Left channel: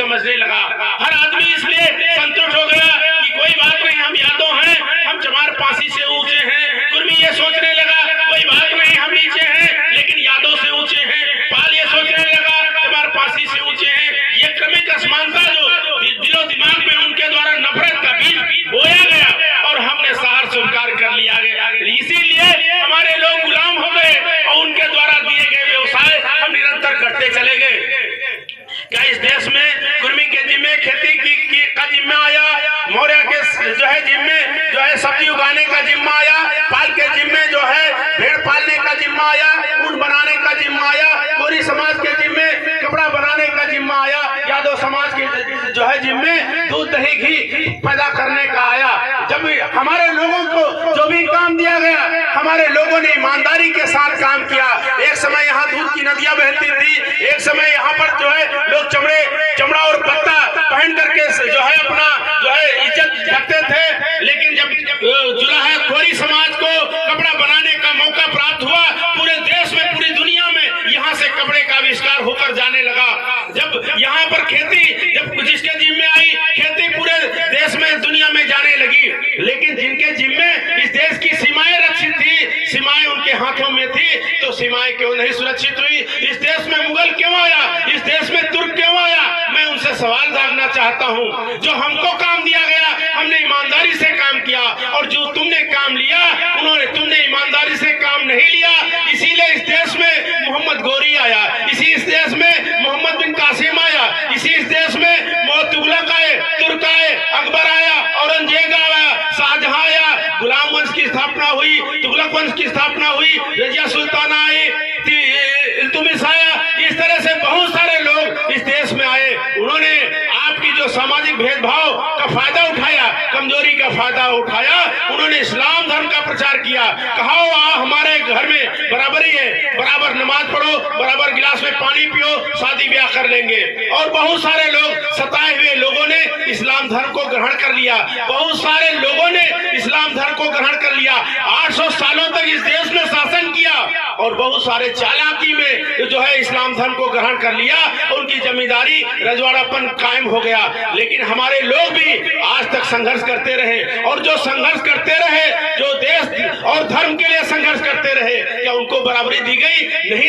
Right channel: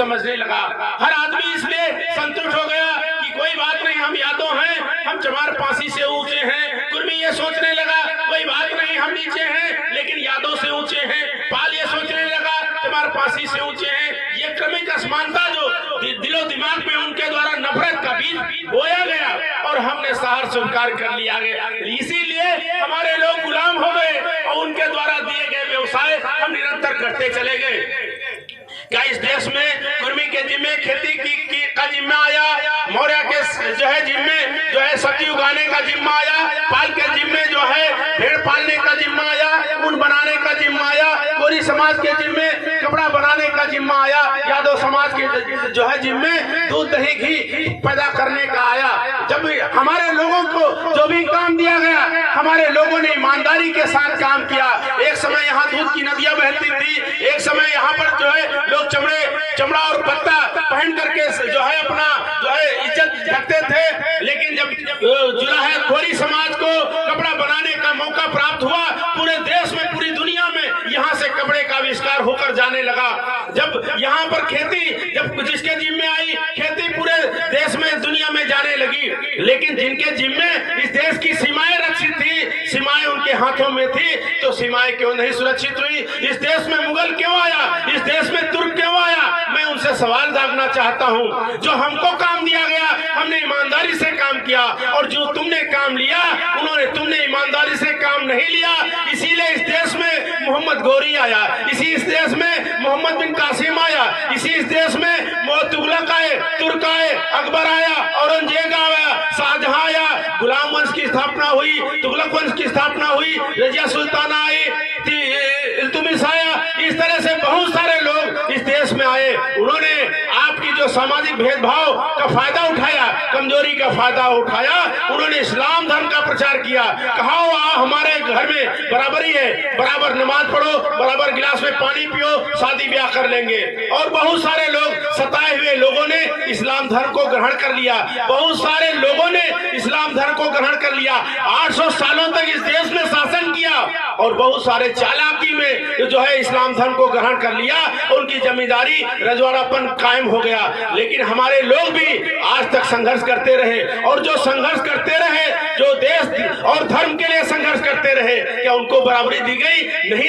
समझने लगा। हर आदमी इसलिए संतुष्ट हो गया कि कोई बात नहीं, हम यादव हैं, हम चमार पासी से ऊंचे हैं। कुर्मी ये सोचने लगा कोई बात नहीं, हम नीचे हैं लेकिन यादव से ऊंचे हैं। पाल ये सोचने लगा चमार पासी से ऊंचे हैं। ये क्रमिक असमानता जो दिलो दिमाग में उनके द्वारा नफरत का बीज बोया गया और हमने सहार स्वीकार कर लिया गया। इसीलिए हमारे लोग गुलाम हो गए और उनके द्वारा दिए गए व्यवसाय हम निरंतर करते चले गए। क्या इस देश में कुर्मी के जिम्मे खेती का जिम्मा आया, मौर्य के जो है जिम्मे जो है सब्जी उगाने का जिम्मा आया, पाल के जिम्मे जो है भेड़ पालने का जिम्मा आया, ऊन बनाने का जिम्मा आया, कोरी समाज के जिम्मे कपड़ा बनाने का जिम्मा आया, यादव समाज के जो है जिम्मे दूध दही घी पैदा करने का आया। जब हमारे लोगों को जो भी काम दिया गया, हमारे लोगों ने ईमानदारी के साथ काम किया। एक समय यहाँ दूध की नदियां बहती थी, एक समय यहाँ पर जो है लोग चमड़ा और पत्ता पहन करके जो है अपना जो है इज्जत रखते थे। लेकिन जब जुलाहा खोरी समाज को कपड़ा बनाने का मौका प्राप्त हुआ, पूरे देश में पूरी दुनिया में यहाँ से कपड़े का आविष्कार होकर जाने लगा। जब यहाँ पर खेती जब जिसके जिम्मे आई, खेती पूरे देश में दुनिया में जाने लगी। लेकिन जिनके जिम्मे इस देश की सीमाएं रक्षित थी, सीमाएं उनके हाथों में थी, तो सीमाएं क्यों नहीं सुरक्षित हुई? इस देश में मुगल क्यों आया? इस देश में तुर्क क्यों आया? मैं उनसे सवाल दागना चाहता हूँ। जो हमको काम दिया गया हमने ईमानदारी से काम किया, और जो तुमने काम लिया तुमने ईमानदारी से काम नहीं लिया। इसीलिए इस देश में मोहम्मद गोरी आया, इस देश में मोहम्मद बिन कासिम आया, इस देश में तुगलक आए, तुर्क आए, अकबर आया, औरंगजेब आया, शाहजहां आया, गुलाम वंश की स्थापना हुई, तुगलक वंश की स्थापना हुई, रजिया सुल्ताना आई, इल्तुतमिश आया। इस तरह से बहुत सारे लोग इस देश में आए। उन्होंने आपकी जो सामाजिक भेदभाव का फायदा उठाया, कमजोरी का फायदा उठाया, उन्होंने इस्लाम धर्म का प्रचार किया। कहा हमारे घर में बराबरी है, बराबर नमाज पढ़ो, बराबर गिलास में पानी पियो, शादी ब्याह कर लेंगे। और बहुत सारे लोग सताए हुए लोगों ने इस्लाम धर्म को ग्रहण कर लिया, बहुत सारे लोगों ने इस्लाम धर्म को ग्रहण कर लिया। 800 सालों तक इस देश में शासन किया और बहुत सारे चालाकी में जो है इस्लाम धर्म को ग्रहण कर लिया, उनकी जमींदारी रजवाड़ापन कायम हो गया। लेकिन हमारे लोग भी आज तक संघर्ष करते रहे, और जो संघर्ष करते रहे, जो देश और धर्म के लिए संघर्ष करते रहे, क्या उनको बराबरी दी गई? नहीं।